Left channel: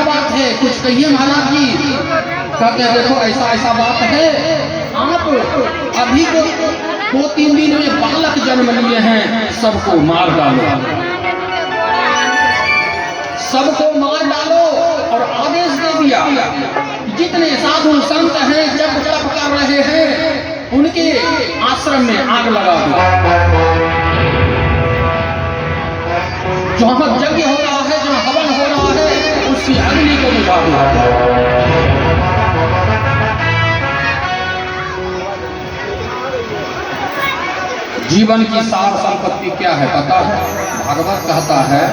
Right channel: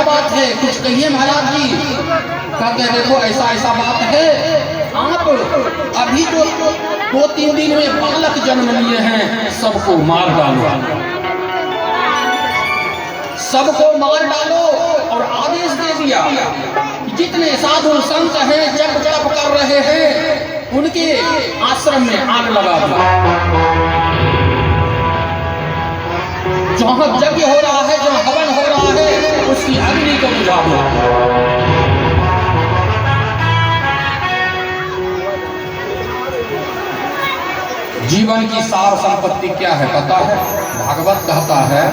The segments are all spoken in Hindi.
क्या बात है, कुछ कहिए महाराज जी। कहते हैं देखो ऐसा ऐसा बात है, आप अभी तो 2-3 दिन में बालक जन्म लिए हैं, सबको मार डालो, सबको मार डालो। और आदेश दे दिया जितने साधु संत हैं जप जप कर रहे हैं उनके आश्रम में आग लगा दो। जहां यज्ञ हो रहा है, जहां हवन हो रहा है, उसकी अग्नि को बुझा दो। जीवन की सार संपत्ति क्या है पता है? भागवत कहता है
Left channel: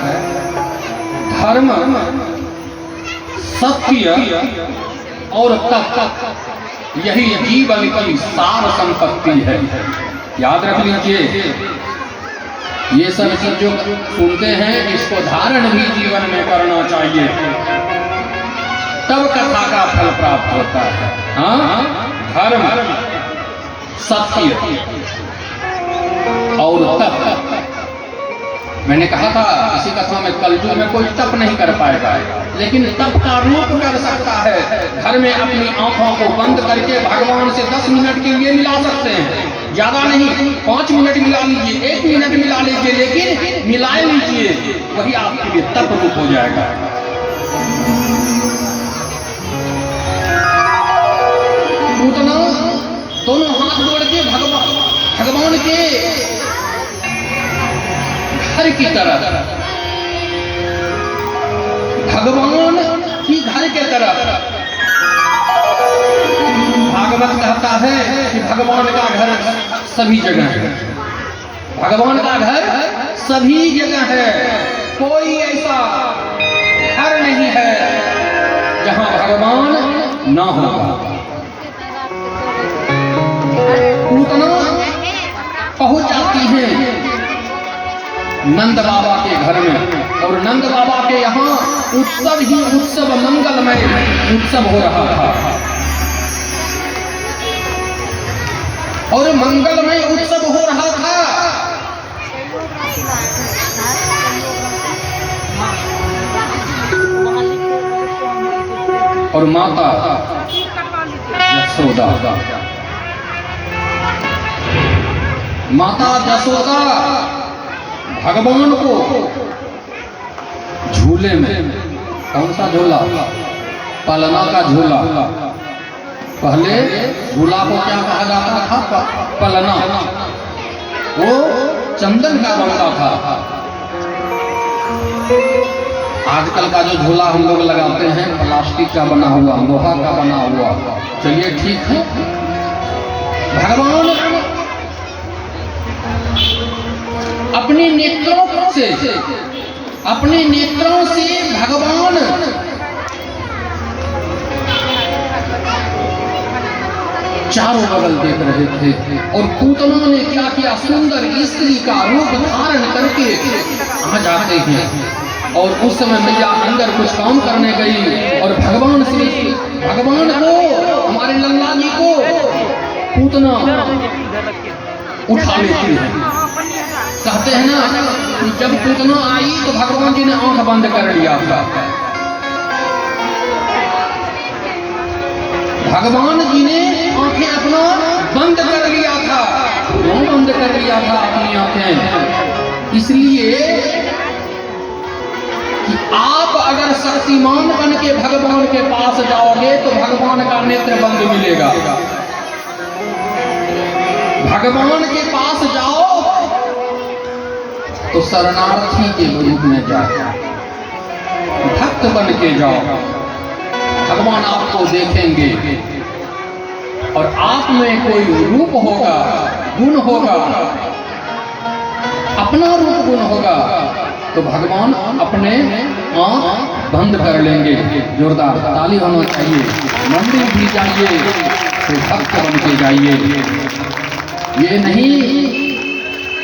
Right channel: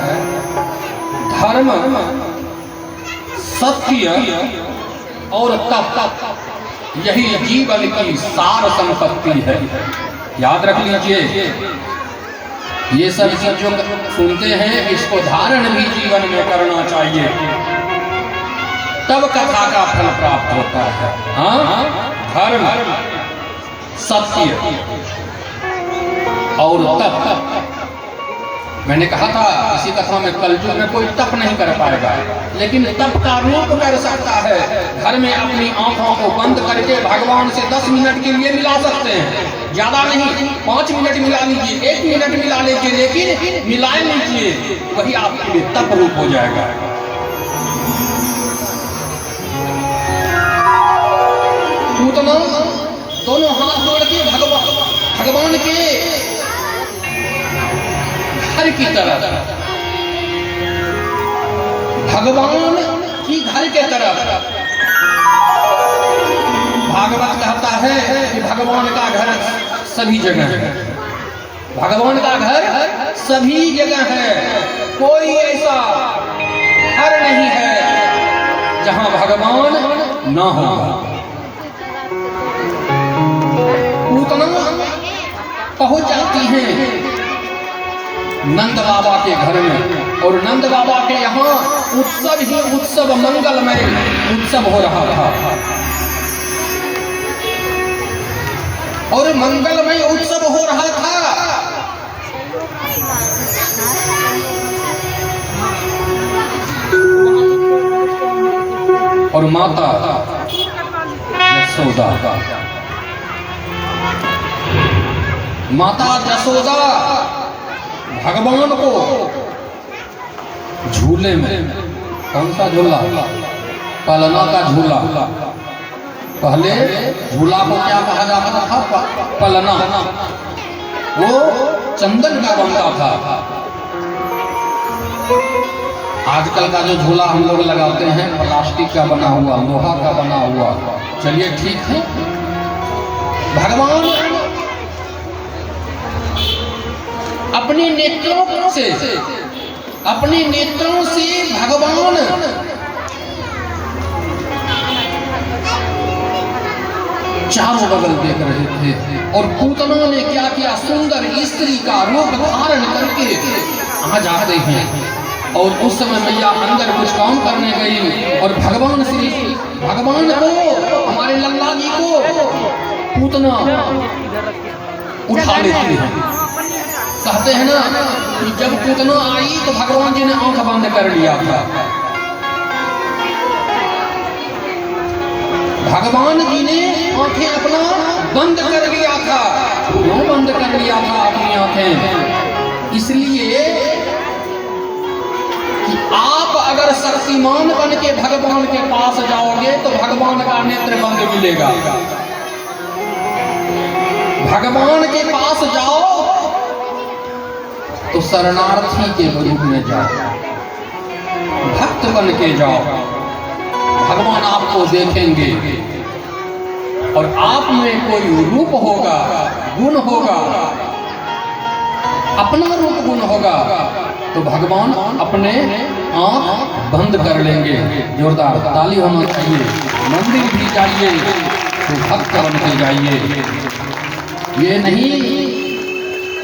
धर्म, सत्य और तप, यही जीवन की सार संपत्ति है। याद रख लीजिए, ये सब चीजों सुनते हैं, इसको धारण भी जीवन में करना चाहिए, तब कथा का फल प्राप्त होता है। हाँ, धर्म, सत्य और तप। मैंने कहा था इसी कथा में, कलयुग में कोई तप नहीं कर पाएगा, लेकिन तप का रूप कर सकता है। घर में अपनी आंखों को बंद करके भगवान से 10 मिनट के लिए मिला सकते हैं, ज्यादा नहीं, 5 मिनट मिला लीजिए, 1 मिनट मिला लीजिए, लेकिन मिलाए लीजिए, वही आपके लिए तप रूप हो जाएगा। उतना दोनों हाथ जोड़ के भगवान के घर की तरह, भगवान की घर के तरह। भागवत कहता है कि भगवान का घर सभी जगह है, भगवान का घर सभी जगह है। कोई ऐसा घर नहीं है जहां भगवान ना हो। पूतना पहुंच जाती है नंद बाबा के घर में, और नंद बाबा के यहाँ उत्सव ही उत्सव, मंगलमय उत्सव हो रहा था। और मंगलमय उत्सव हो रहा था, और माता यशोदा, माता यशोदा भगवान को झूले में, कौन सा झूला? पलना का झूला। पहले झूला को क्या कहा जाता था? पलना। वो चंदन का बनता था। आजकल का जो झूला हम लोग लगाते हैं प्लास्टिक का बना हुआ, लोहा का बना हुआ। चलिए ठीक है, भगवान अपने नेत्रों से, अपने नेत्रों से भगवान चारों बगल देख रहे थे, और पूतना ने क्या किया, सुंदर स्त्री का रूप धारण करके आ जाते हैं। और उस समय मैया अंदर कुछ काम करने गई, और भगवान को, हमारे लल्ला जी को पूतना उठा लेती है। कहते हैं ना कि जब पूतना आई तो भगवान जी ने आंख बंद कर लिया था। भगवान जी ने आंखें अपना बंद कर लिया था। क्यों बंद कर लिया था अपनी आंखें? इसलिए कि आप अगर शक्तिमान बन के भगवान के पास जाओगे तो भगवान का नेत्र बंद मिलेगा। भगवान के पास जाओ तो शरणार्थी के रूप में जाओ, भक्त बन के जाओ, भगवान आपको देखेंगे, और आप में कोई रूप होगा, गुण होगा, अपना रूप गुण होगा, तो भगवान अपने आंख बंद कर लेंगे। जोरदार ताली होना चाहिए। मंदिर भी जाइए तो भक्त बन के जाइए, ये नहीं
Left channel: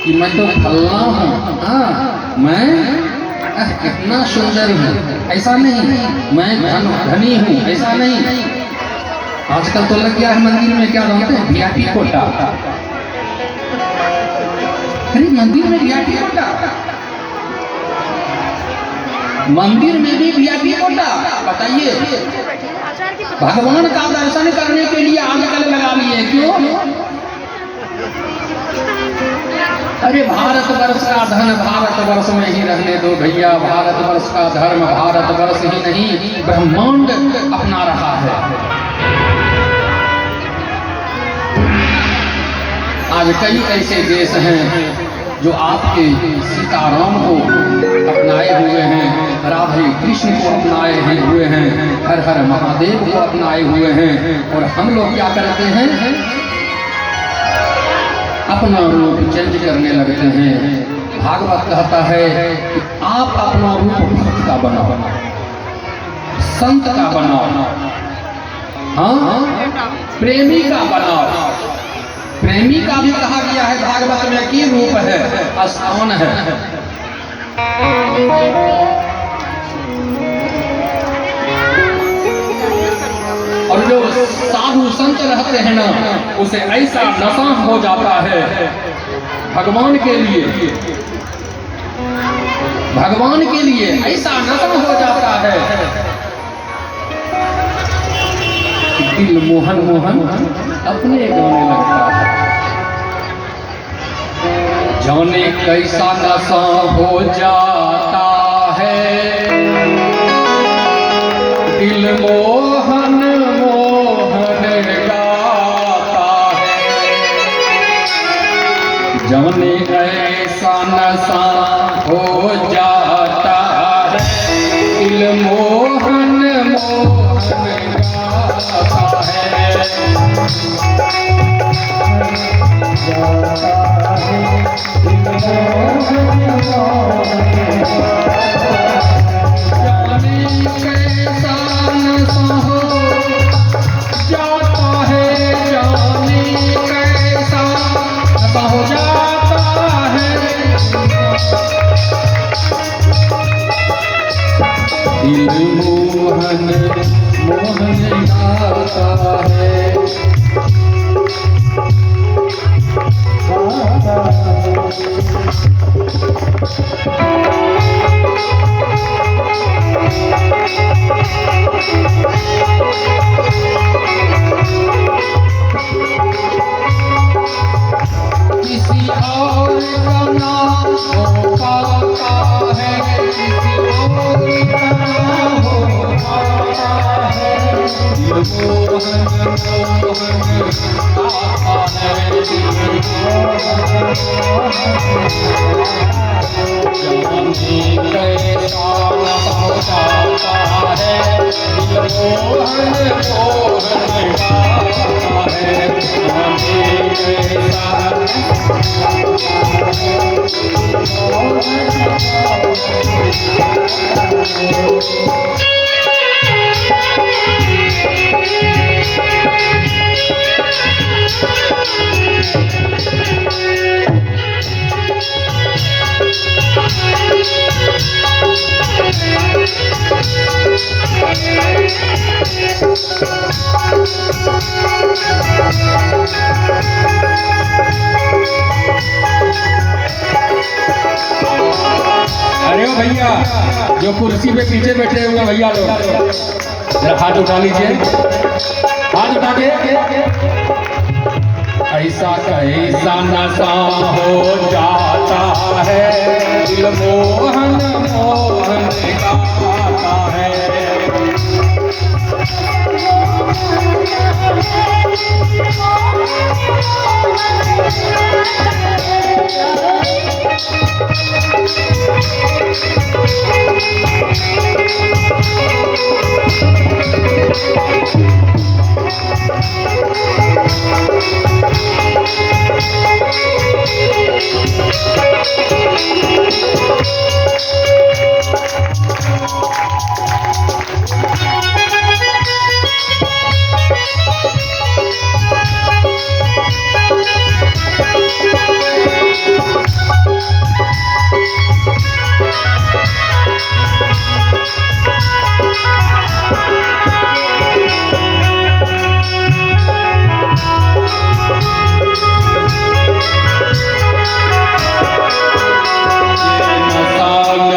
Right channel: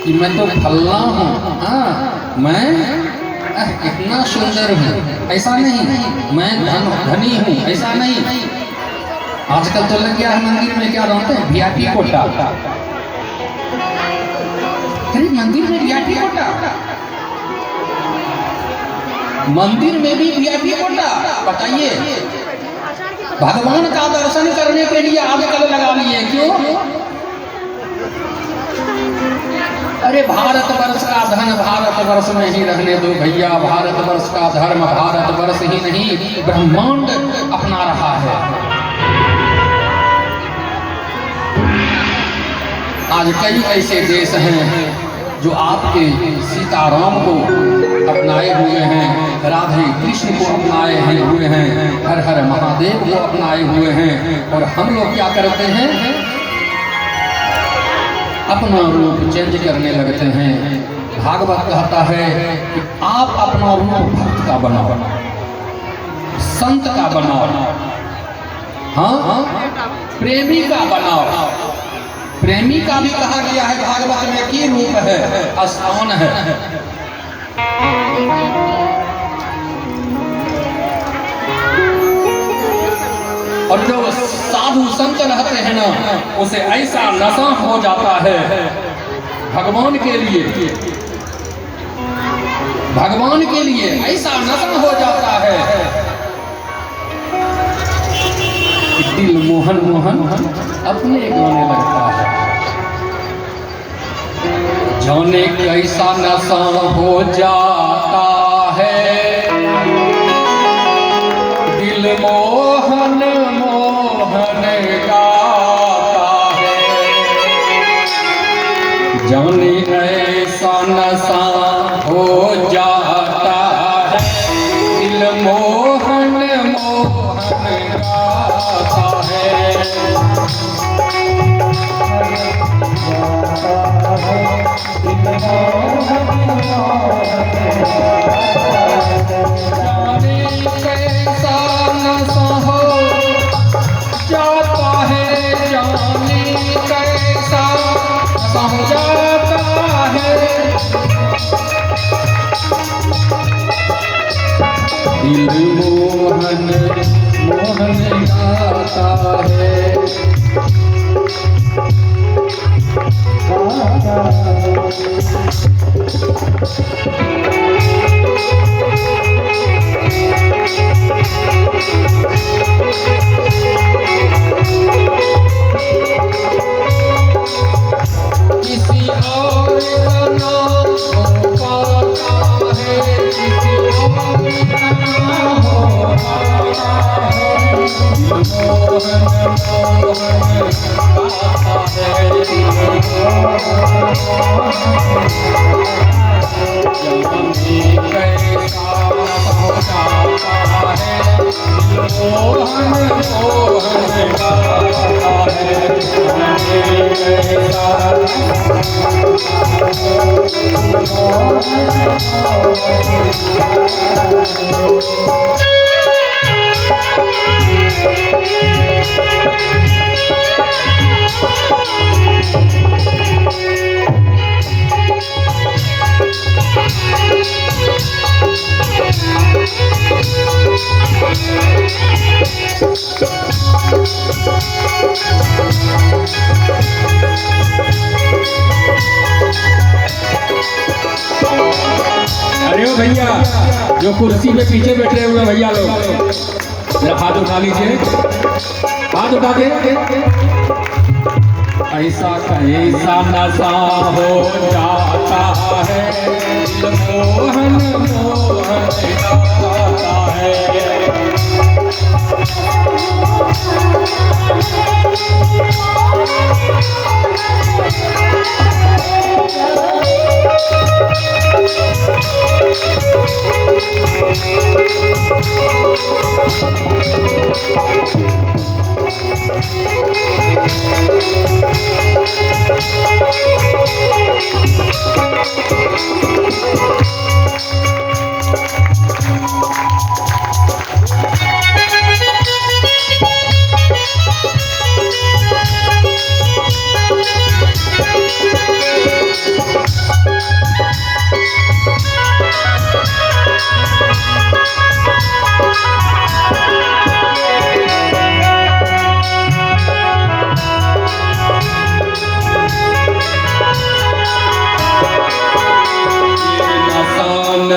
कि मैं तो फलना हूँ, हाँ मैं इतना सुंदर हूँ, ऐसा नहीं, मैं धनी हूँ, ऐसा नहीं। आजकल तो लग गया है मंदिर में क्या बनाते हैं, VIP कोटा। अरे मंदिर में VIP कोटा, मंदिर में भी VIP लगता, बताइए। भगवान का दर्शन करने के लिए आजकल लगा लिए, क्यों? अरे भारतवर्ष का धन भारतवर्ष में ही रहने दो भैया, भारतवर्ष का धर्म भारतवर्ष ही नहीं ब्रह्मांड अपना रहा है। आज कई ऐसे देश हैं जो आपके सीताराम को अपनाए हुए हैं, राधे कृष्ण को अपनाए हुए हैं, हर हर महादेव को अपनाए हुए हैं, और हम लोग क्या करते हैं? अपना रूप चेंज करने लगते हैं। भागवत कहता है कि आप अपना रूप भक्त का बनाओ, संत का बनाओ, हाँ, प्रेमी का बनाओ। प्रेमी का भी कहा गया है भागवत में कि रूप है, स्थान है। और जो साधु संत रहते हैं ना, उसे ऐसा नशा हो जाता है भगवान के लिए, भगवान के लिए ऐसा नशा हो जाता है कि दिल मोहन मोहन अपने गाने लगता है। जाने कैसा नशा हो जाता है, दिल मोहन मोहन गाता है। जाने ऐसा नशा हो जाता है, दिल मोहन मोहन गाता है। मोहन मोहन गाता है। किसी और का नाम होता है, किसी और का नाम होता है। मोहन मोहन गाता है, जाने कैसा समझाता है, मोहन मोहन गाता है। जाने अरे ओ भैया, जो कुर्सी पे पीछे बैठे हुए भैया लोग, हाथ उठा लीजिए, हाथ उठा के। ऐसा कैसा नशा हो जाता है, दिल मोहन मोहन गाता है।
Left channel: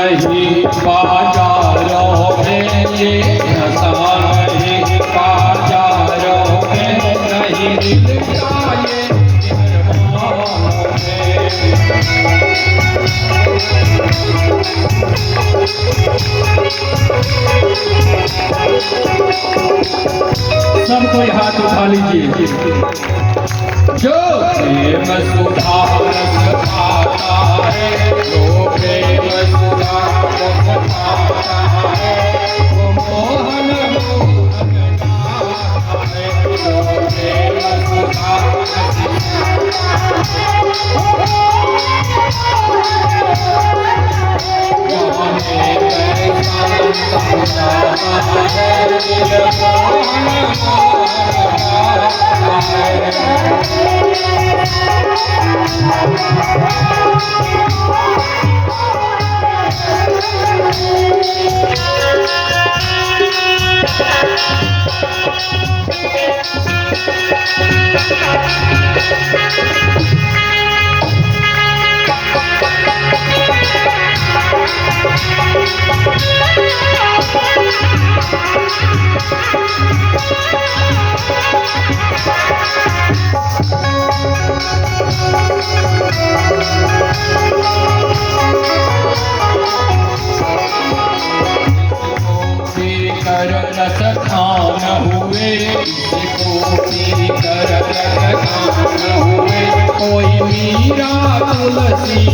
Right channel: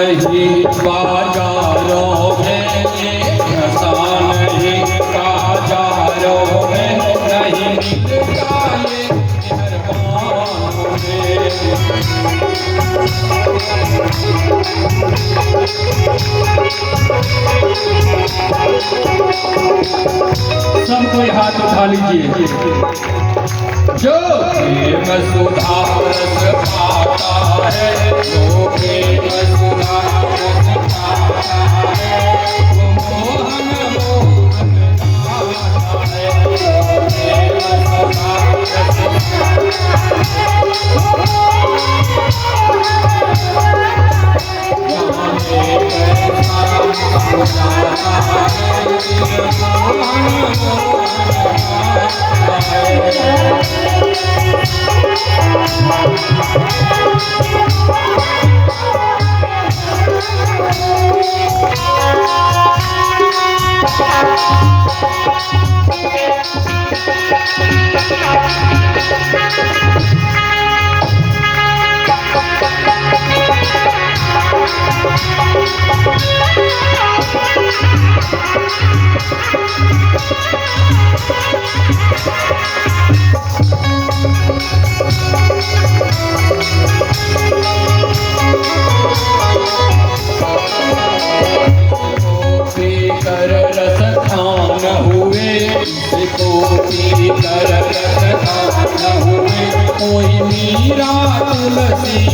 नहीं बाजा ये ऐसा नहीं बाजारों में नहीं मिलता ये सब कोई हाथ उठा लीजिए। जो प्रेम सुधा रस पाता है, जो प्रेम सुधा रस पाता है, वो मोहन मोहन गाता है। जो प्रेम सुधा रस कोई मीरा तुलसी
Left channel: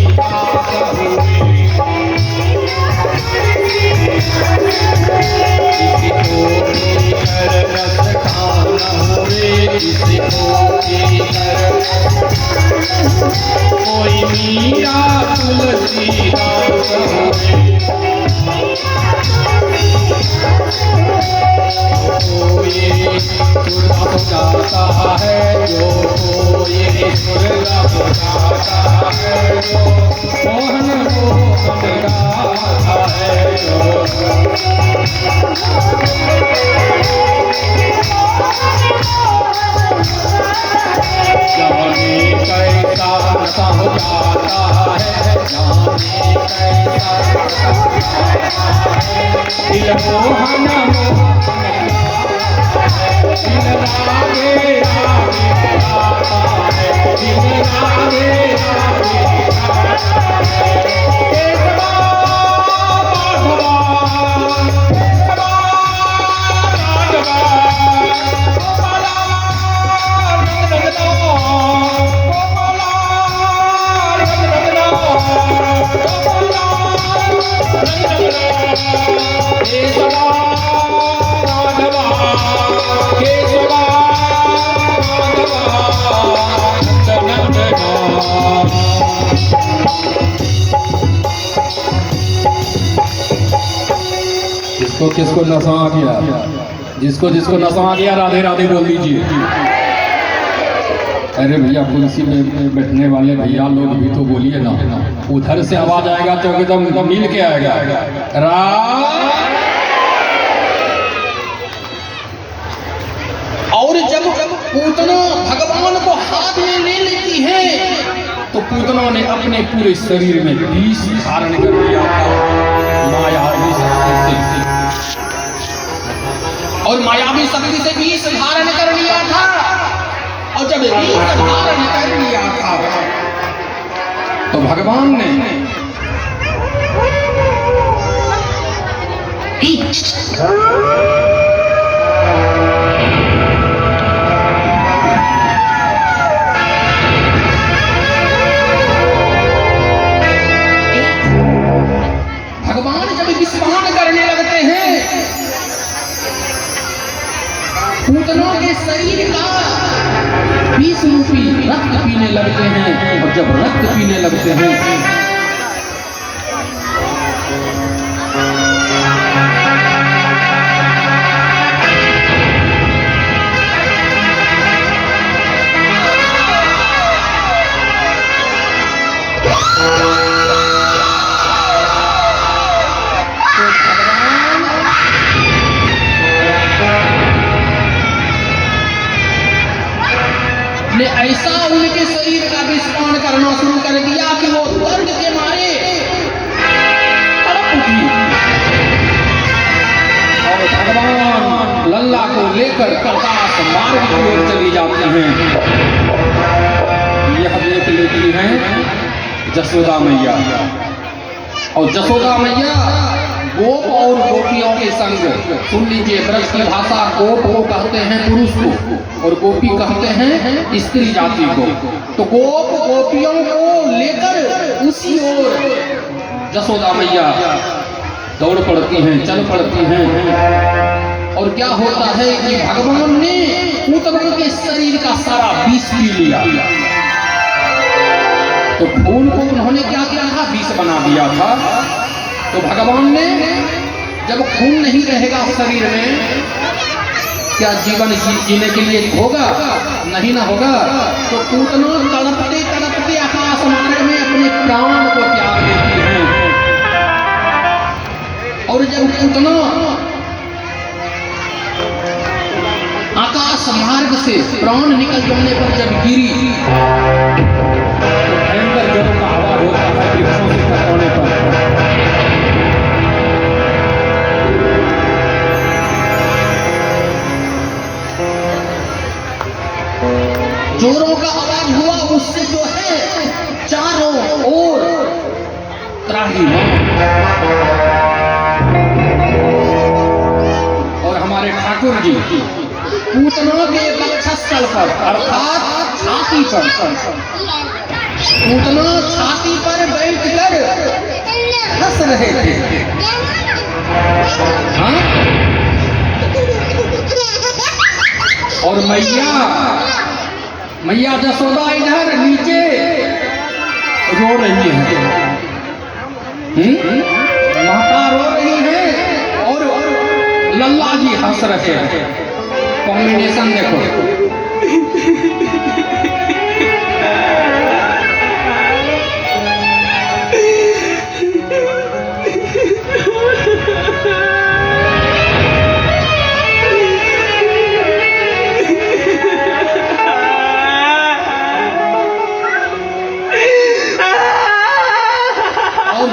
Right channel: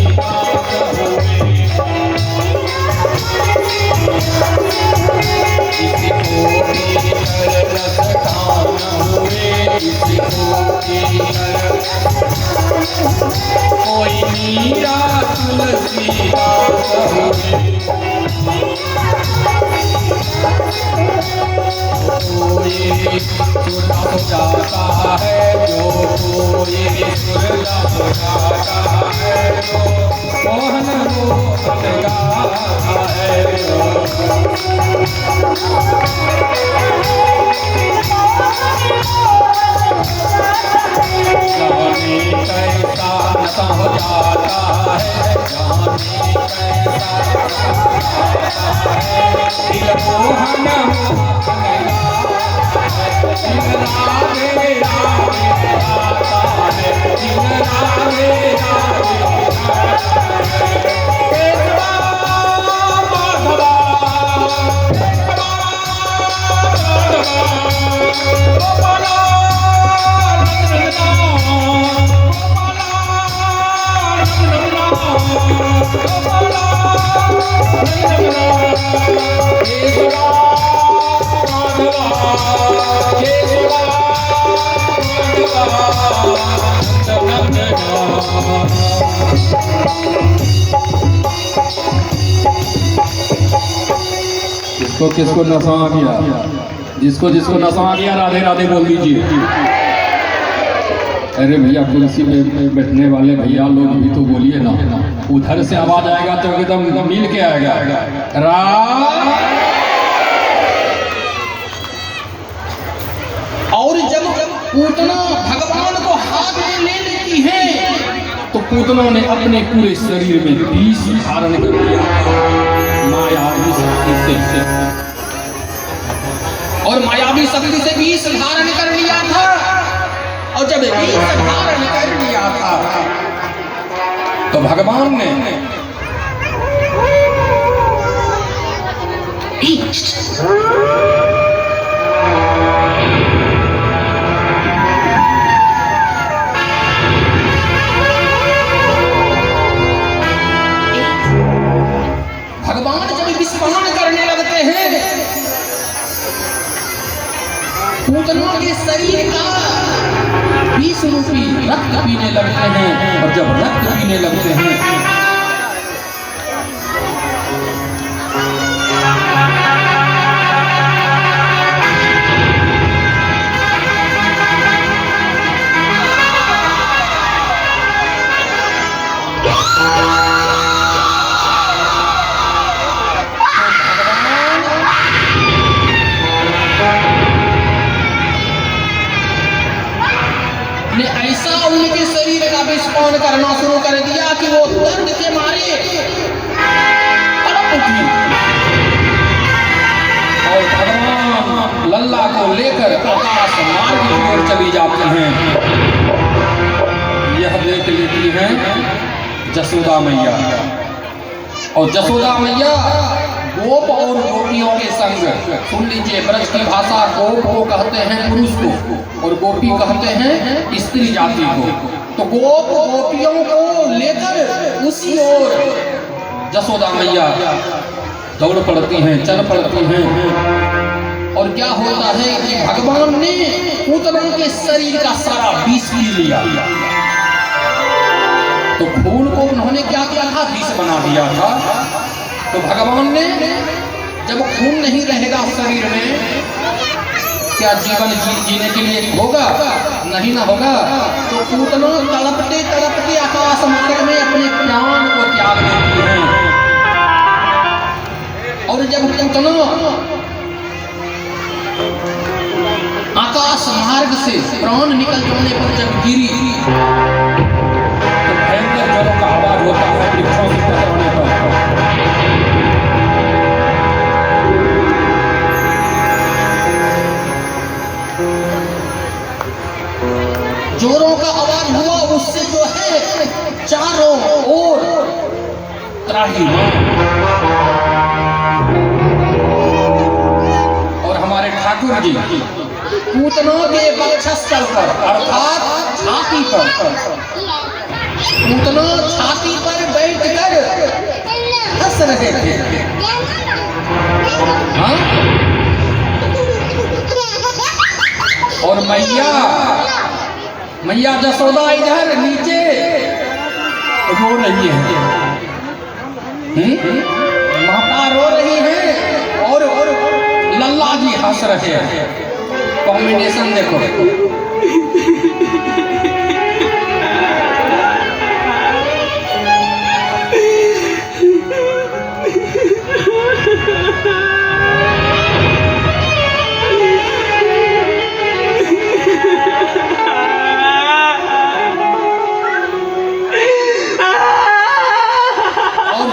कोई मीरा तुलसी जाता है जो कोई सुरता है जो मोहन मोहन गाता है जो जाने कैसा समझाता है जाने कैसा दिल मोहन किसको नशा आ गया, जिसको जिसको नशा आ गया राधे राधे बोल दीजिए। अरे भैया कुर्सी में बैठने वाले भैया लोग भी तो बोलिए ना, उधर से आवाज आएगा तो एकदम मिल के आएगा। और जब पूतना भगवान को हाथ में ले लेती है तो पूतनों ने अपने पूरे शरीर में विष धारण कर लिया मायावी शक्ति से, और मायावी शक्ति से विष धारण कर लिया था। और जब विष धारण कर लिया था तो भगवान ने पूतनों के शरीर का विष रूपी रक्त पीने लगते हैं, और जब रक्त पीने लगते हैं ने ऐसा उनके शरीर का विस्फोट करना शुरू कर दिया कि वो दर्द के मारे तड़प उठी और भगवान लल्ला को लेकर आकाश मार्ग की ओर चली जाती हैं। यह देख लेती हैं जसोदा मैया, और जसोदा मैया गोप और गोपियों के संग, सुन लीजिए, ब्रज की भाषा गोप को कहते हैं पुरुष को और गोपी कहते हैं स्त्री जाति को। तो गोप गोपियों को लेकर उसी ओर जसोदा मैया दौड़ पड़ती हैं, चल पड़ती हैं। और क्या होता है कि भगवान ने पूतना के शरीर का सारा विष पी लिया। तो खून को उन्होंने क्या किया था, विष बना दिया था। तो भगवान ने जब खून नहीं रहेगा शरीर में, क्या जीवन जीने के लिए होगा? नहीं ना होगा। तो पूतना तड़पते तड़पते आकाश मार्ग में अपने प्राण को त्याग देती हैं। और जब पूतना आकाश मार्ग से प्राण निकल जाने पर जब गिरी, तो भयंकर जल का आवाज होता है वृक्षों से टकराने पर। जोरों का आवाज हुआ, उससे जो है चारों ओर त्राही। और हमारे ठाकुर जी पूतना के वक्षस्थल पर अर्थात छाती पर, पूतना छाती पर बैठकर हंस रहे थे। हाँ? और मैया जसोदा इधर नीचे रो रही है। माता रो रही है और लल्ला जी हंस रहे हैं। कॉम्बिनेशन देखो।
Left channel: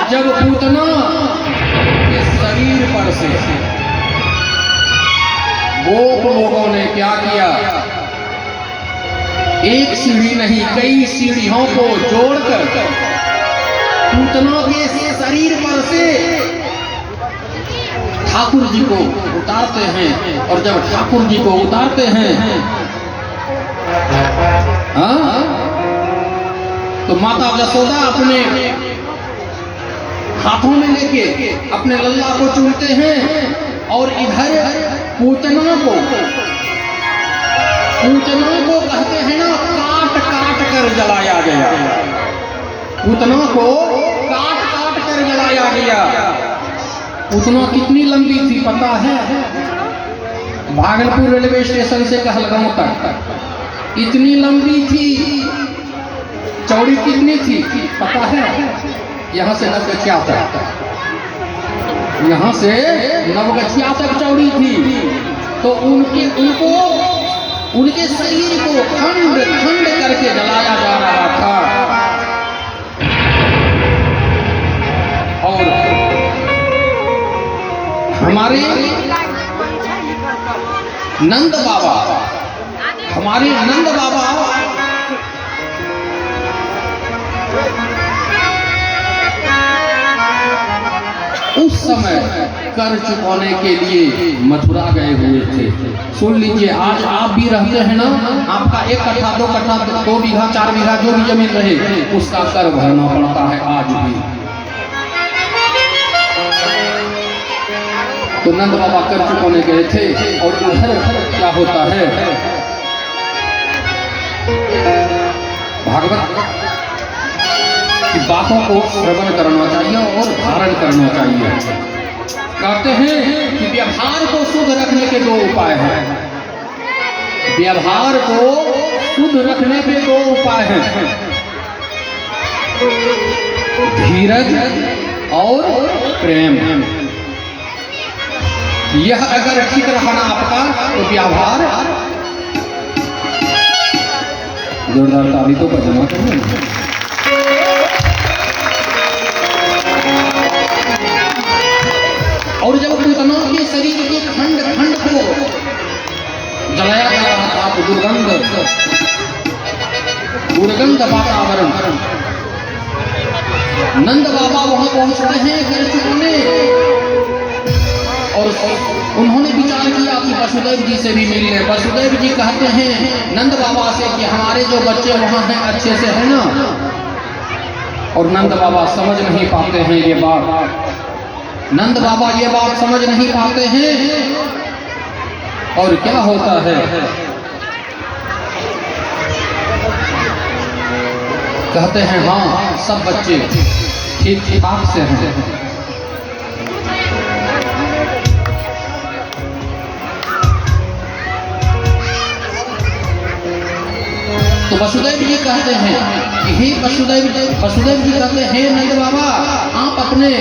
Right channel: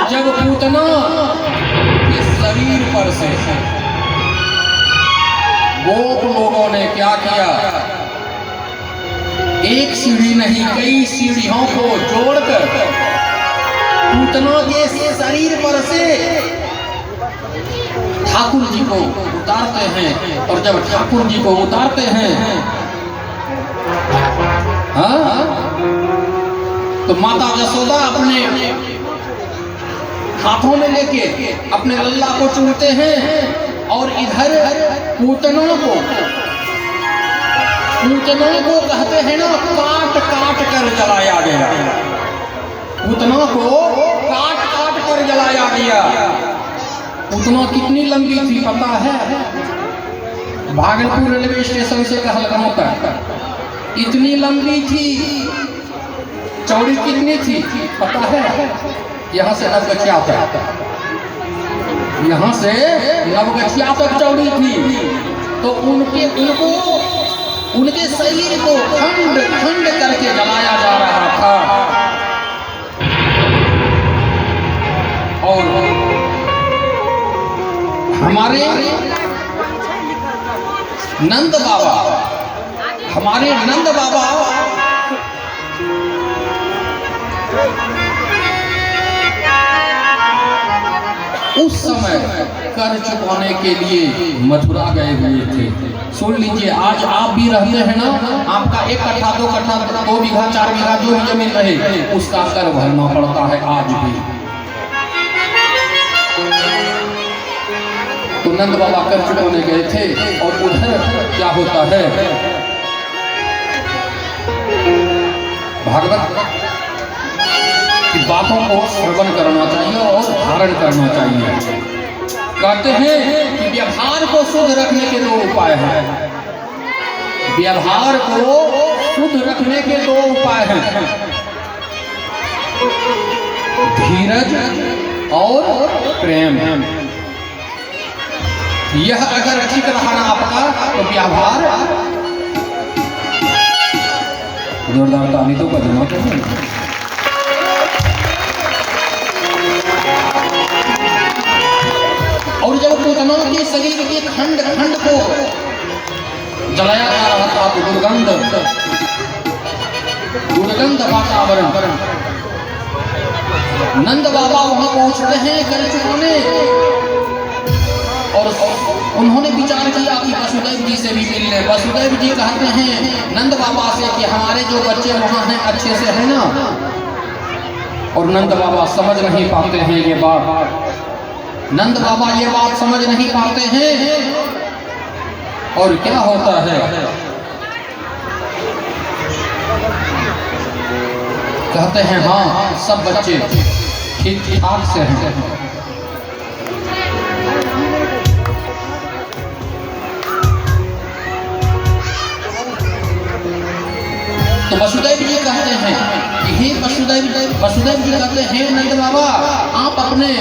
जब पूतना के शरीर पर से गोप लोगों ने क्या किया, एक सीढ़ी नहीं कई सीढ़ियों को जोड़कर पूतना के शरीर पर से ठाकुर जी को उतारते हैं। और जब ठाकुर जी को उतारते हैं, हाँ, तो माता जसोदा अपने हाथों में लेके अपने लल्ला को चूमते हैं। और इधर पूतना को कहते हैं ना, काट काट कर जलाया गया। पूतना को काट काट कर जलाया गया। पूतना कितनी लंबी थी पता है? भागलपुर रेलवे स्टेशन से कहलगांव तक इतनी लंबी थी। चौड़ी कितनी थी पता है? यहाँ से नवगछिया तक, यहाँ से नवगछिया तक चौड़ी थी। तो उनके शरीर को खंड खंड करके जलाया जा रहा था। और हमारे नंद बाबा उस समय कर चुकाने के लिए मथुरा गए हुए थे। सुन लीजिए, आज आप भी रहते हैं ना, आपका 1 कट्ठा 2 कट्ठा 2 बीघा 4 बीघा जो भी जमीन रहे, उसका कर भरना पड़ता है आज भी। तो नंद बाबा कर चुकाने गए थे। और उधर क्या होता है, भागवत की बातों को श्रवण करना चाहिए और धारण करना चाहिए। कहते हैं कि व्यवहार को शुद्ध रखने के 2 उपाय हैं। व्यवहार को शुद्ध रखने के 2 उपाय हैं, धीरज और प्रेम। यह अगर ठीक रहा आपका तो व्यवहार जोरदार ताली तो बजना। और जब दोनों के शरीर के खंड खंड को जलाया जा रहा था। तो दुर्गंध वातावरण। नंद बाबा वहां पहुंचते हैं जल चुकाने, और उन्होंने विचार किया कि वसुदेव जी से भी मिल ले। वसुदेव जी कहते हैं नंद बाबा से कि हमारे जो बच्चे वहां हैं अच्छे से है ना। और नंद बाबा समझ नहीं पाते हैं ये बात। नंद बाबा ये बात समझ नहीं पाते हैं। और क्या होता है, कहते हैं हाँ सब बच्चे ठीक ठाक से हैं। तो वसुदेव जी कहते हैं कि हे वसुदेव जी कहते हैं नंद बाबा आप अपने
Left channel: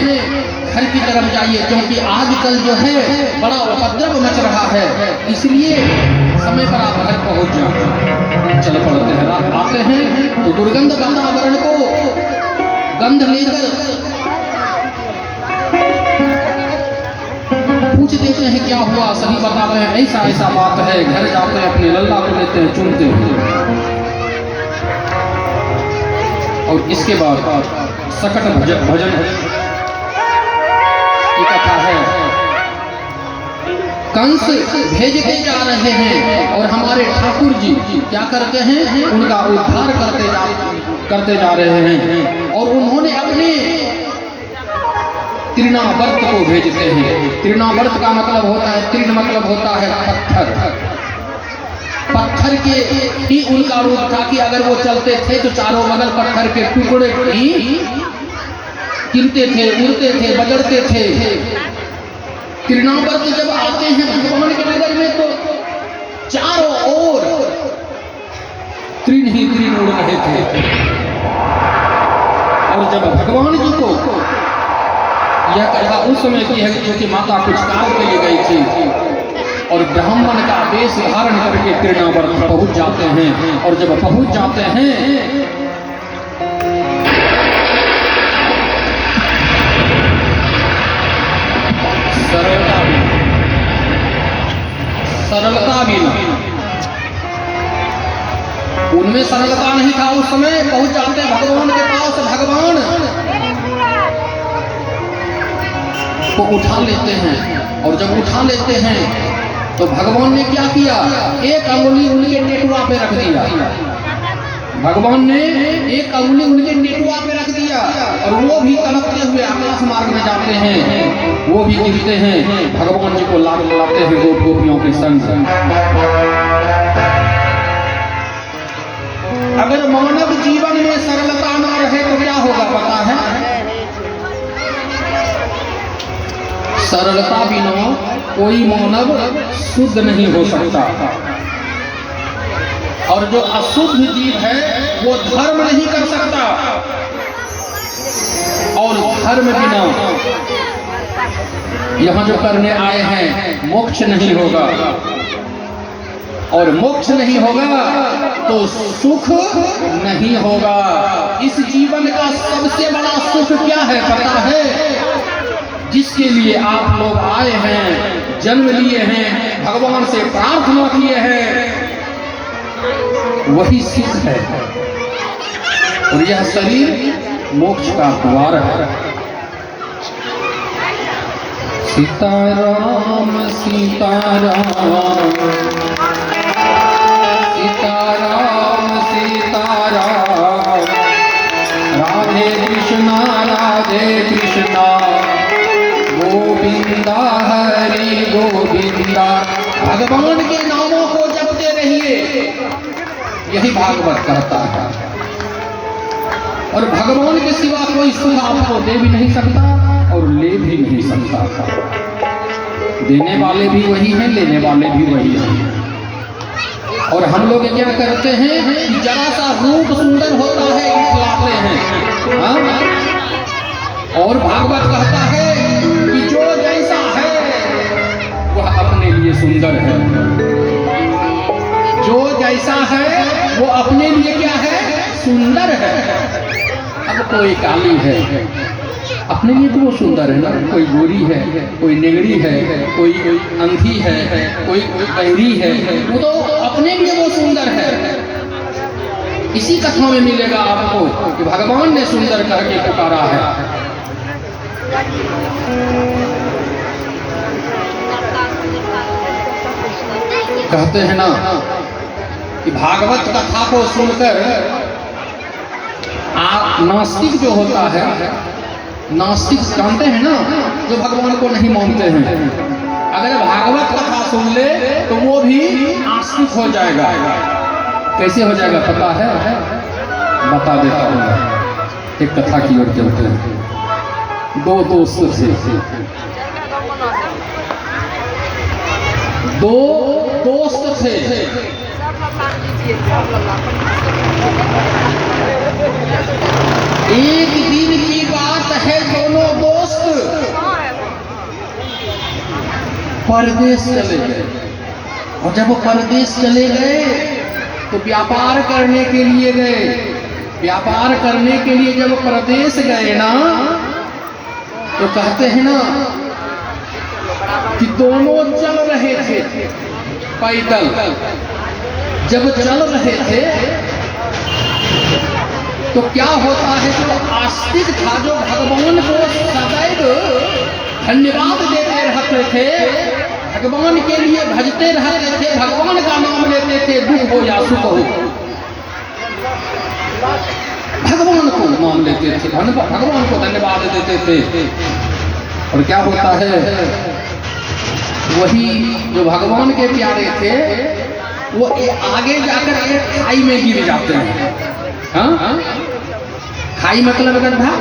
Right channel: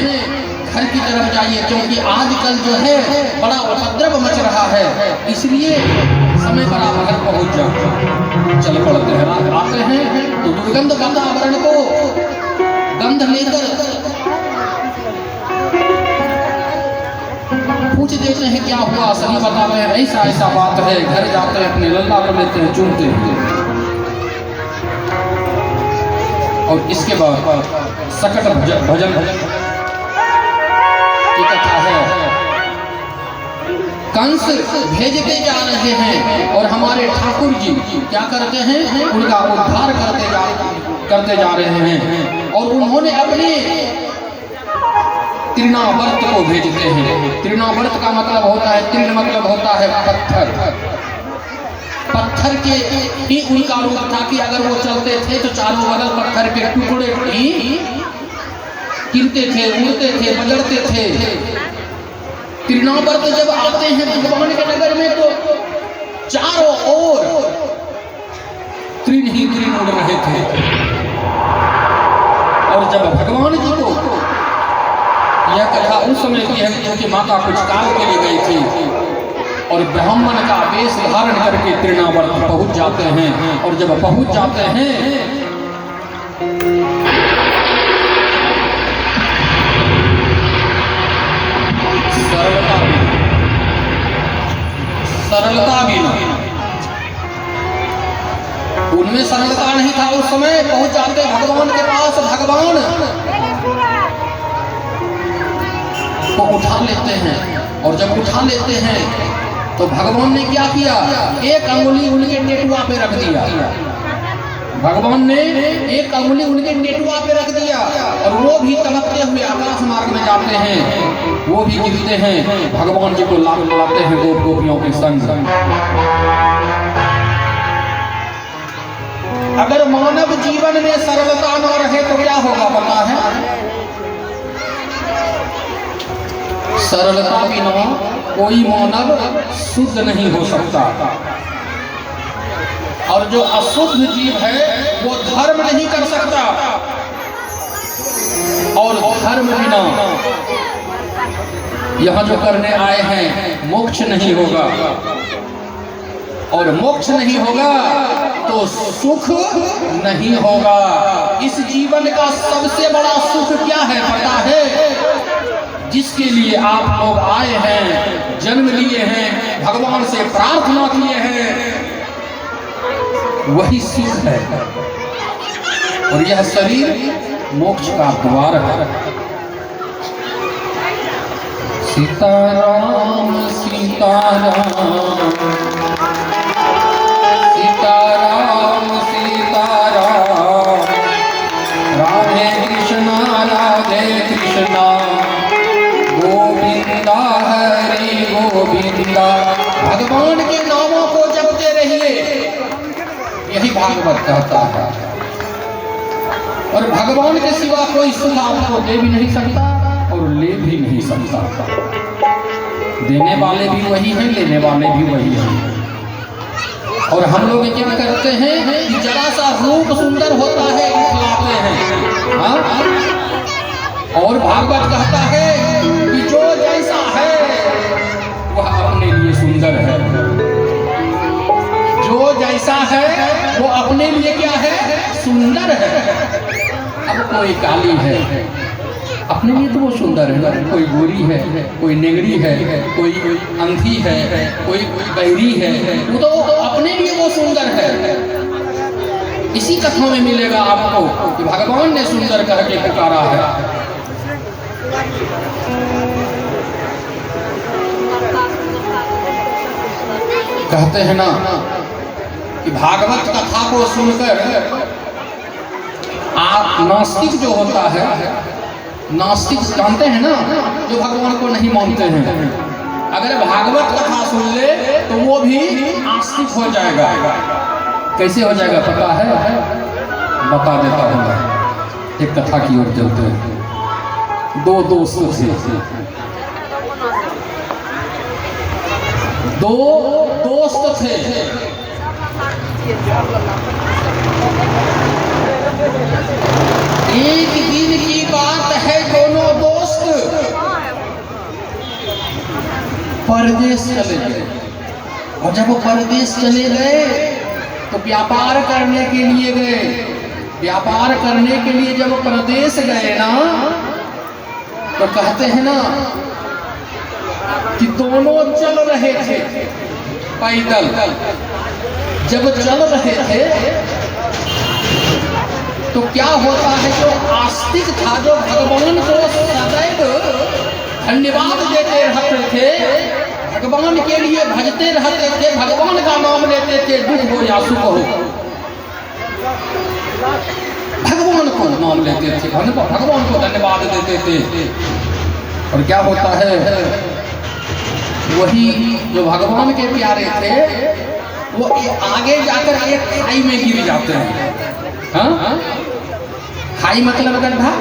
घर की तरफ जाइए, क्योंकि आजकल जो है बड़ा उपद्रव मच रहा है, इसलिए समय पर आप घर पहुंच जाओ। चल पड़ते हैं, आते हैं तो दुर्गंध वातावरण को गंध लेकर पूछ देते हैं क्या हुआ। सभी बताते हैं ऐसा ऐसा बात है। घर जाते हैं अपने लल्ला को लेते हैं, चूमते हैं। और इसके बाद सकट भजन की कथा है। कंस भेज के जा रहे हैं और हमारे ठाकुर जी क्या करते हैं, उनका उद्धार करते जा रहे हैं। और उन्होंने अपने तृणावर्त को भेजते हैं। तृणावर्त का मतलब होता है, तृण मतलब होता है पत्थर। पत्थर के ही उनका रूप था कि अगर वो चलते थे तो चारों बगल पत्थर के टुकड़े ही गिरते थे, उड़ते थे, बजरते थे। तृणावर्त जब आते हैं भगवान के नगर में तो चारों ओर तृण ही तृण उड़ रहे थे। और जब भगवान जी को यह कथा उस समय की है क्योंकि माता कुछ कार्य के लिए गई थी, और ब्राह्मण का वेश धारण करके तृणावर्त पहुंच जाते हैं। और जब पहुंच जाते हैं सरलता भी उनमें सरलता नहीं था। उस समय पहुंच जाते भगवान के पास, भगवान को उठा लेते हैं। और जब उठा लेते हैं तो भगवान ने क्या किया, एक अंगुली उनके नेटुआ पे रख दिया। भगवान ने एक अंगुली उनके नेटुआ पे रख दिया और वो भी तड़पते हुए आकाश मार्ग में जाते हैं, वो भी गिरते हैं। भगवान जी को लाभ लाते हैं गोप गोपियों के संग। अगर मानव जीवन में सरलता न रहे तो क्या होगा पता है? सरलता बिना कोई मानव शुद्ध नहीं हो सकता। और जो अशुद्ध जीव है वो धर्म नहीं कर सकता, और धर्म बिना यहाँ जो करने आए हैं मोक्ष नहीं होगा। और मोक्ष नहीं होगा तो सुख नहीं होगा। इस जीवन का सबसे बड़ा सुख क्या है पता है? जिसके लिए आप लोग आए हैं, जन्म लिए हैं, भगवान से प्रार्थना किए हैं, वही सुख है। और यह शरीर मोक्ष का द्वार है। सीताराम सीताराम सीताराम सीताराम, राधे कृष्णा गोविंदा हरि गोविंदा। भगवान के नामों को जपते रहिए, यही भागवत कहता है। और भगवान के सिवा कोई सुख आपको दे भी नहीं सकता और ले भी नहीं सकता। देने वाले भी वही हैं, लेने वाले भी वही हैं। और हम लोग क्या करते हैं कि जरा सा रूप सुंदर होता है खिलाते हैं, हाँ? और भागवत कहता है कि जो जैसा है वह अपने लिए सुंदर है। जो जैसा है वो अपने लिए क्या है? सुंदर है। अब कोई काली है, अपने लिए तो वो सुंदर है ना, कोई गोरी है, कोई नेगड़ी है, कोई अंधी है, कोई बहरी है, वो तो अपने लिए वो सुंदर है। इसी कथनों में मिलेगा आपको कि भगवान ने सुंदर करके पुकारा है। कहते हैं ना कि भागवत कथा को सुनकर आप नास्तिक जो होता है, नास्तिक जानते हैं ना, जो भगवान को नहीं मानते हैं, अगर भागवत कथा सुन ले तो वो भी नास्तिक हो जाएगा। कैसे हो जाएगा पता है? बता देता हूँ मैं, एक कथा की ओर चलते हैं। दो दोस्त थे, दो दोस्त थे। एक दिन की बात है, दोनों दोस्त परदेश चले गए। और जब वो परदेश चले गए तो व्यापार करने के लिए गए। व्यापार करने के लिए जब परदेश गए ना, तो कहते हैं ना कि दोनों चल रहे थे पैदल। जब चल रहे थे तो क्या होता है, जो आस्तिक था, जो भगवान को सदैव धन्यवाद देते रहते थे, भगवान के लिए भजते रहते थे, भगवान का नाम लेते थे, दुख हो या सुख हो भगवान को नाम लेते थे, भगवान को धन्यवाद देते थे। और क्या होता है, वही जो भगवान के प्यारे थे वो आगे जाकर एक खाई में गिर जाते हैं। हाँ, खाई मतलब गड्ढा।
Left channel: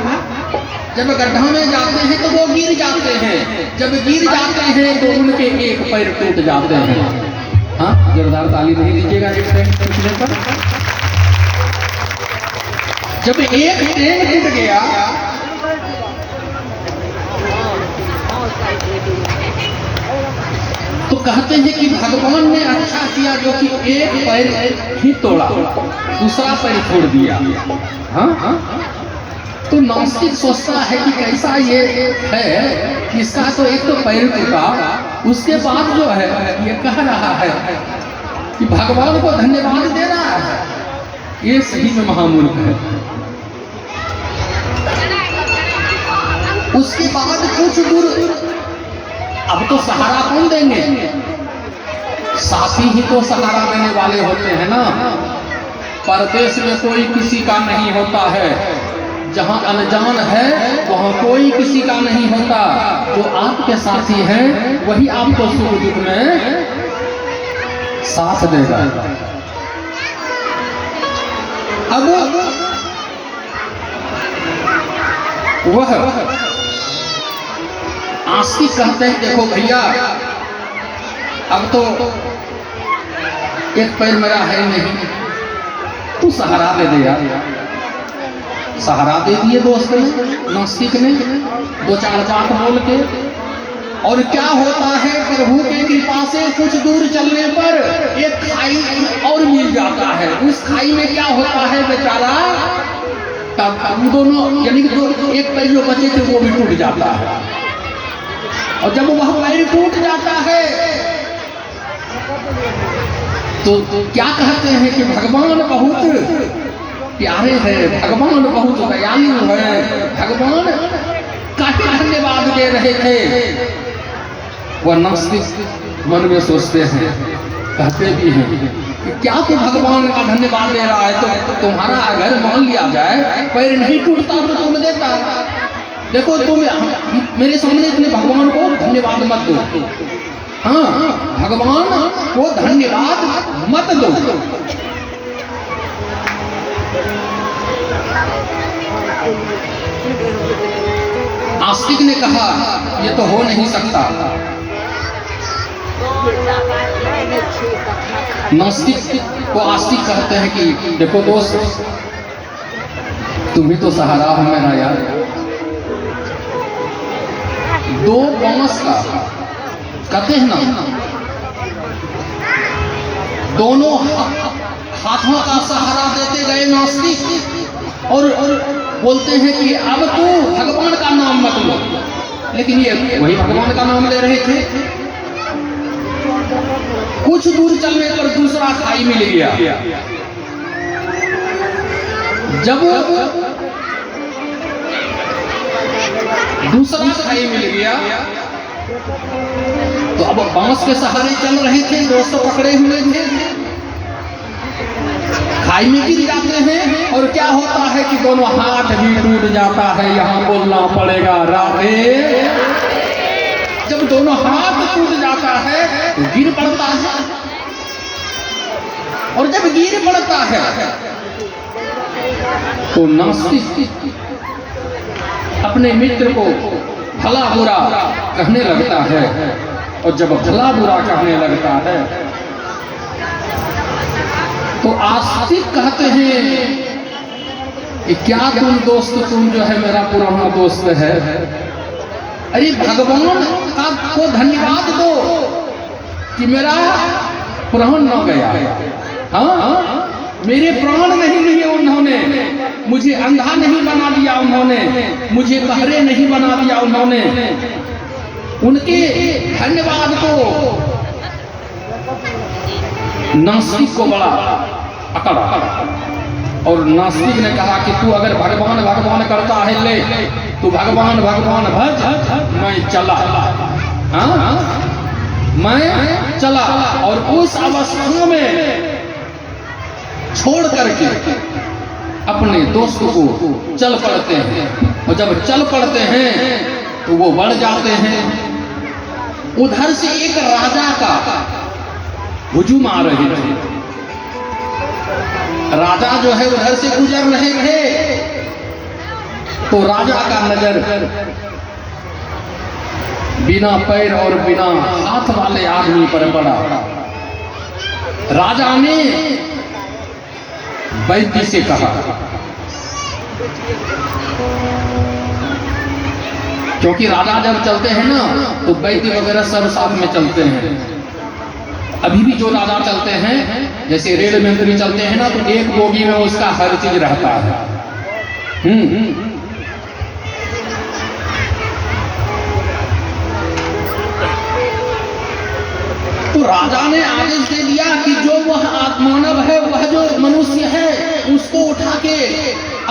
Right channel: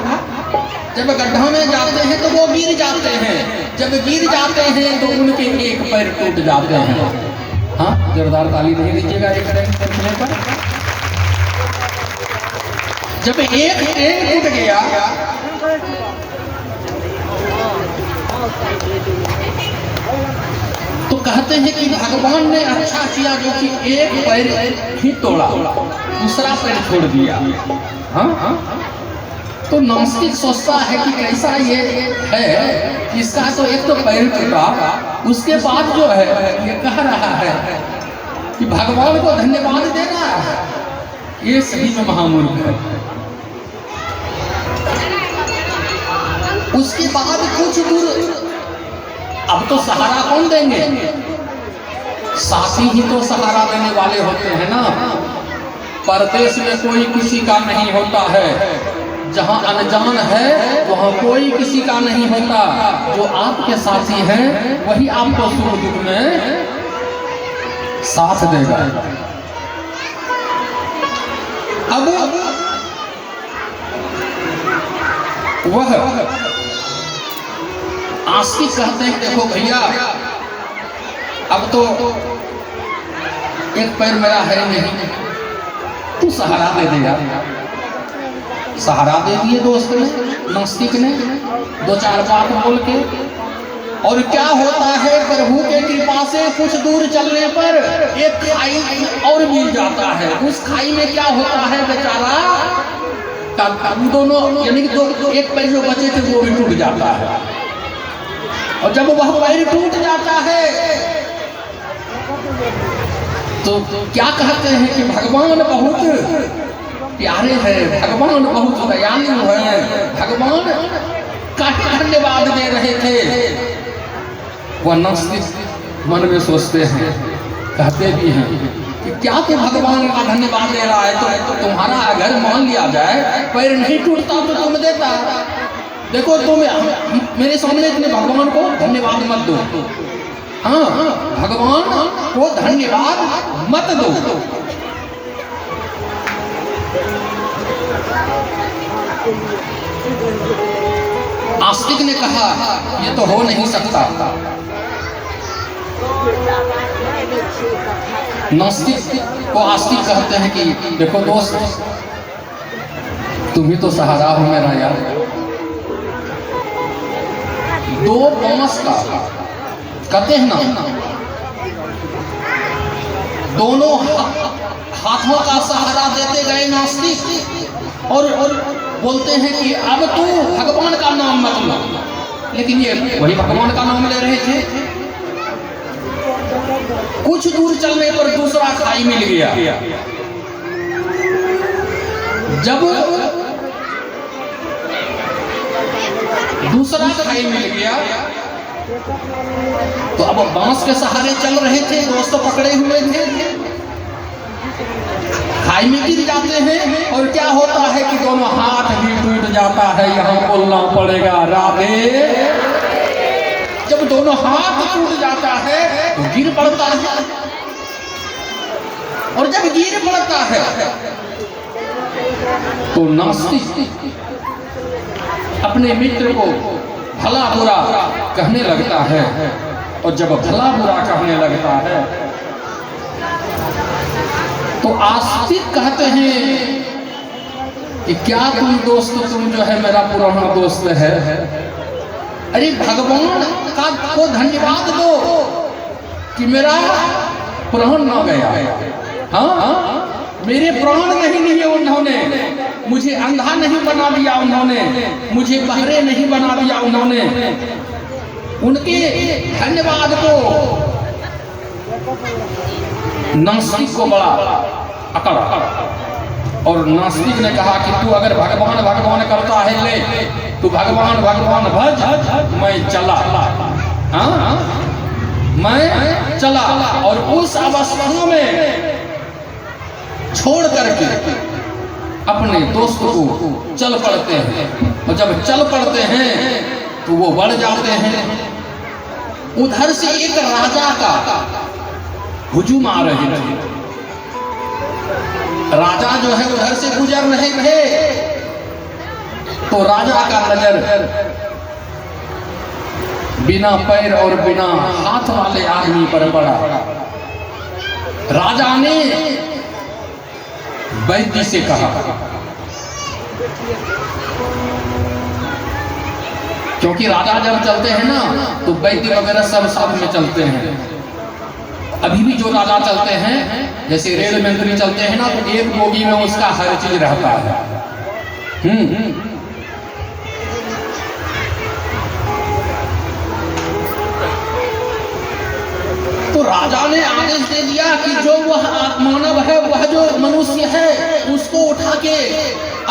जब गड्ढा में जाते हैं तो वो गिर जाते हैं। जब गिर जाते हैं तो उनके एक पैर टूट जाते हैं। हाँ, जोरदार ताली नहीं दीजिएगा एक टाइम पर। जब एक ट्रेन टूट गया तो कहते हैं कि भगवान ने अच्छा किया जो कि एक पैर ही तोड़ा, दूसरा पैर छोड़ दिया। हाँ, तो नास्तिक सोचता है कि कैसा ये है कि इसका तो एक तो पैर टूटा, उसके बाद जो है ये कह रहा है कि भगवान को धन्यवाद दे रहा है। ये सही में महामूर्ख है। उसके बाद कुछ दूर, अब तो सहारा कौन देंगे? साथी ही तो सहारा देने वाले होते हैं ना। परदेश में कोई किसी का नहीं होता है। जहाँ अनजान है वहाँ कोई किसी का नहीं होता। जो आपके साथी हैं वही आपको सुख दुख में साथ देगा। अब वह आस्तिक कहते हैं, देखो भैया अब तो एक पैर मेरा है नहीं, तू सहारा दे देगा। सहारा दे दिए दोस्त ने, नास्तिक ने, दो चार बात बोल के। और क्या होता है, प्रभु के कृपा से कुछ दूर चलने पर एक खाई और मिल जाता है। उस खाई में क्या होता है, बेचारा दोनों यानी कि दो एक पैर जो बचे थे वो भी टूट जाता है। और जब वह पैर टूट जाता है तो क्या कहते हैं कि भगवान बहुत प्यारे हैं, भगवान बहुत दयालु है, भगवान का धन्यवाद दे रहे थे। वह नास्तिक मन में सोचते हैं, कहते भी हैं कि क्या तो भगवान का धन्यवाद दे रहा है, तो तुम्हारा अगर मान लिया जाए पैर नहीं टूटता तो तुम देता। देखो तुम मेरे सामने इतने भगवान को धन्यवाद मत दो। हाँ, भगवान को धन्यवाद मत दो। आस्तिक ने कहा ये तो हो नहीं सकता। नास्तिक को आस्तिक कहते हैं कि देखो दोस्त, तुम ही तो सहारा हो मेरा यार। दो बांस का कहते हैं ना, दोनों हाथों का सहारा देते गए नास्तिक, और बोलते हैं कि अब तू भगवान का नाम लेकिन ये वही भगवान का नाम ले रहे थे। कुछ दूर चलने पर दूसरा खाई मिल गया। जब दूसरा खाई मिल गया तो अब बांस के सहारे चल रहे थे, दोस्त पकड़े हुए थे, खाई में गिर जाते हैं और क्या होता है कि दोनों हाथ भी टूट जाता है। यहाँ बोलना पड़ेगा राधे। जब दोनों हाथ टूट जाता है तो गिर पड़ता है, और जब गिर पड़ता है तो नास्तिक अपने मित्र को भला बुरा कहने लगता है, और जब भला बुरा कहने लगता है तो आस्तिक कहते हैं कि क्या तुम दोस्त, तुम जो है मेरा पुराना दोस्त है। अरे भगवान का को धन्यवाद दो कि मेरा प्राण न गया। हाँ, मेरे प्राण नहीं लिए उन्होंने, मुझे अंधा नहीं बना दिया उन्होंने, मुझे बहरे नहीं बना दिया उन्होंने। उनके धन्यवाद को नास्तिक को बड़ा अकड़, और नास्तिक ने कहा कि तू अगर भगवान भगवान करता है ले, तू भगवान भगवान भज, मैं चला। हाँ, मैं चला। और उस अवस्था में छोड़ करके अपने दोस्त को चल पड़ते हैं, और जब चल पड़ते हैं तो वो बढ़ जाते हैं। उधर से एक राजा का हुजूम आ रहे थे। राजा जो है उधर से गुजर रहे थे तो राजा का नजर बिना पैर और बिना हाथ वाले आदमी पर पड़ा। राजा ने वैद्य से कहा, क्योंकि राजा जब चलते हैं ना तो वैद्य वगैरह सब साथ में चलते हैं। अभी भी जो राजा चलते हैं, जैसे रेल मंत्री चलते हैं ना, तो एक बोगी में उसका हर चीज रहता है। तो राजा ने आदेश दे दिया कि जो वह मानव है, वह जो मनुष्य है, उसको उठा के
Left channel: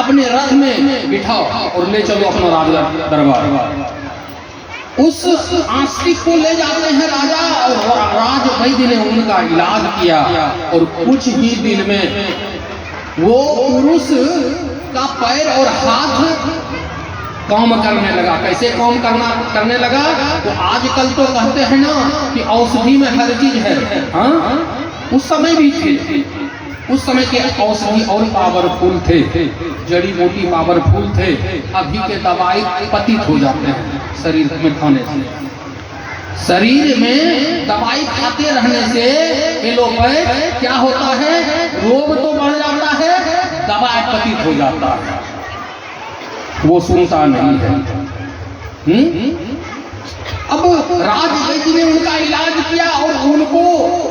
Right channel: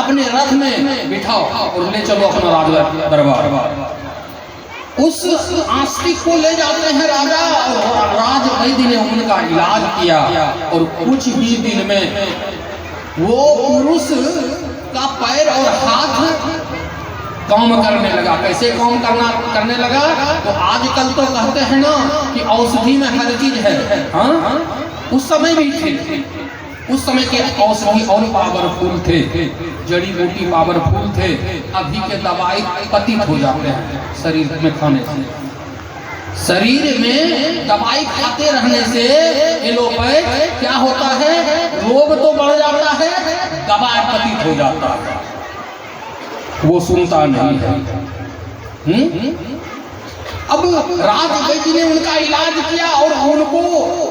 अपने रथ में बिठाओ और ले चलो अपना राजा दरबार। उस आस्तिक को ले जाते हैं राजा, और राज वैद्य ने उनका इलाज किया, और कुछ ही दिन में वो पुरुष का पैर और हाथ काम करने लगा। कैसे काम करने लगा? तो आजकल तो कहते हैं ना कि औषधि में हर चीज है। हाँ, उस समय भी थे। उस समय के औषधि और पावरफुल थे, जड़ी बूटी पावरफुल थे। अभी के दवाई पतित हो जाते हैं शरीर में खाने से। शरीर में दवाई खाते रहने से एलोपैथ क्या होता है, रोग तो बढ़ जाता है, दवाई पतित हो जाता है, वो सुनता नहीं है। अब राज वैद्य ने उनका इलाज किया और उनको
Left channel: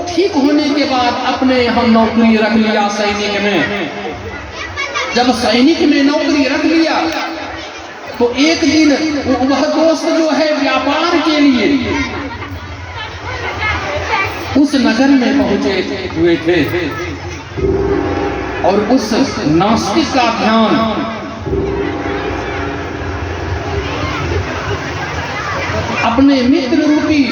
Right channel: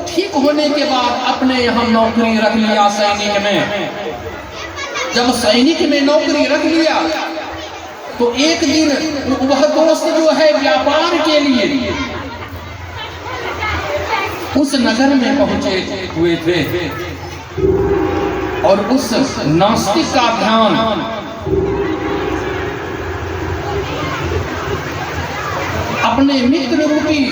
ठीक होने के बाद अपने यहाँ नौकरी रख लिया सैनिक में। जब सैनिक में नौकरी रख लिया तो एक दिन वह दोस्त जो है व्यापार के लिए उस नगर में पहुंचे हुए थे, और उस नास्तिक का ध्यान अपने मित्र रूपी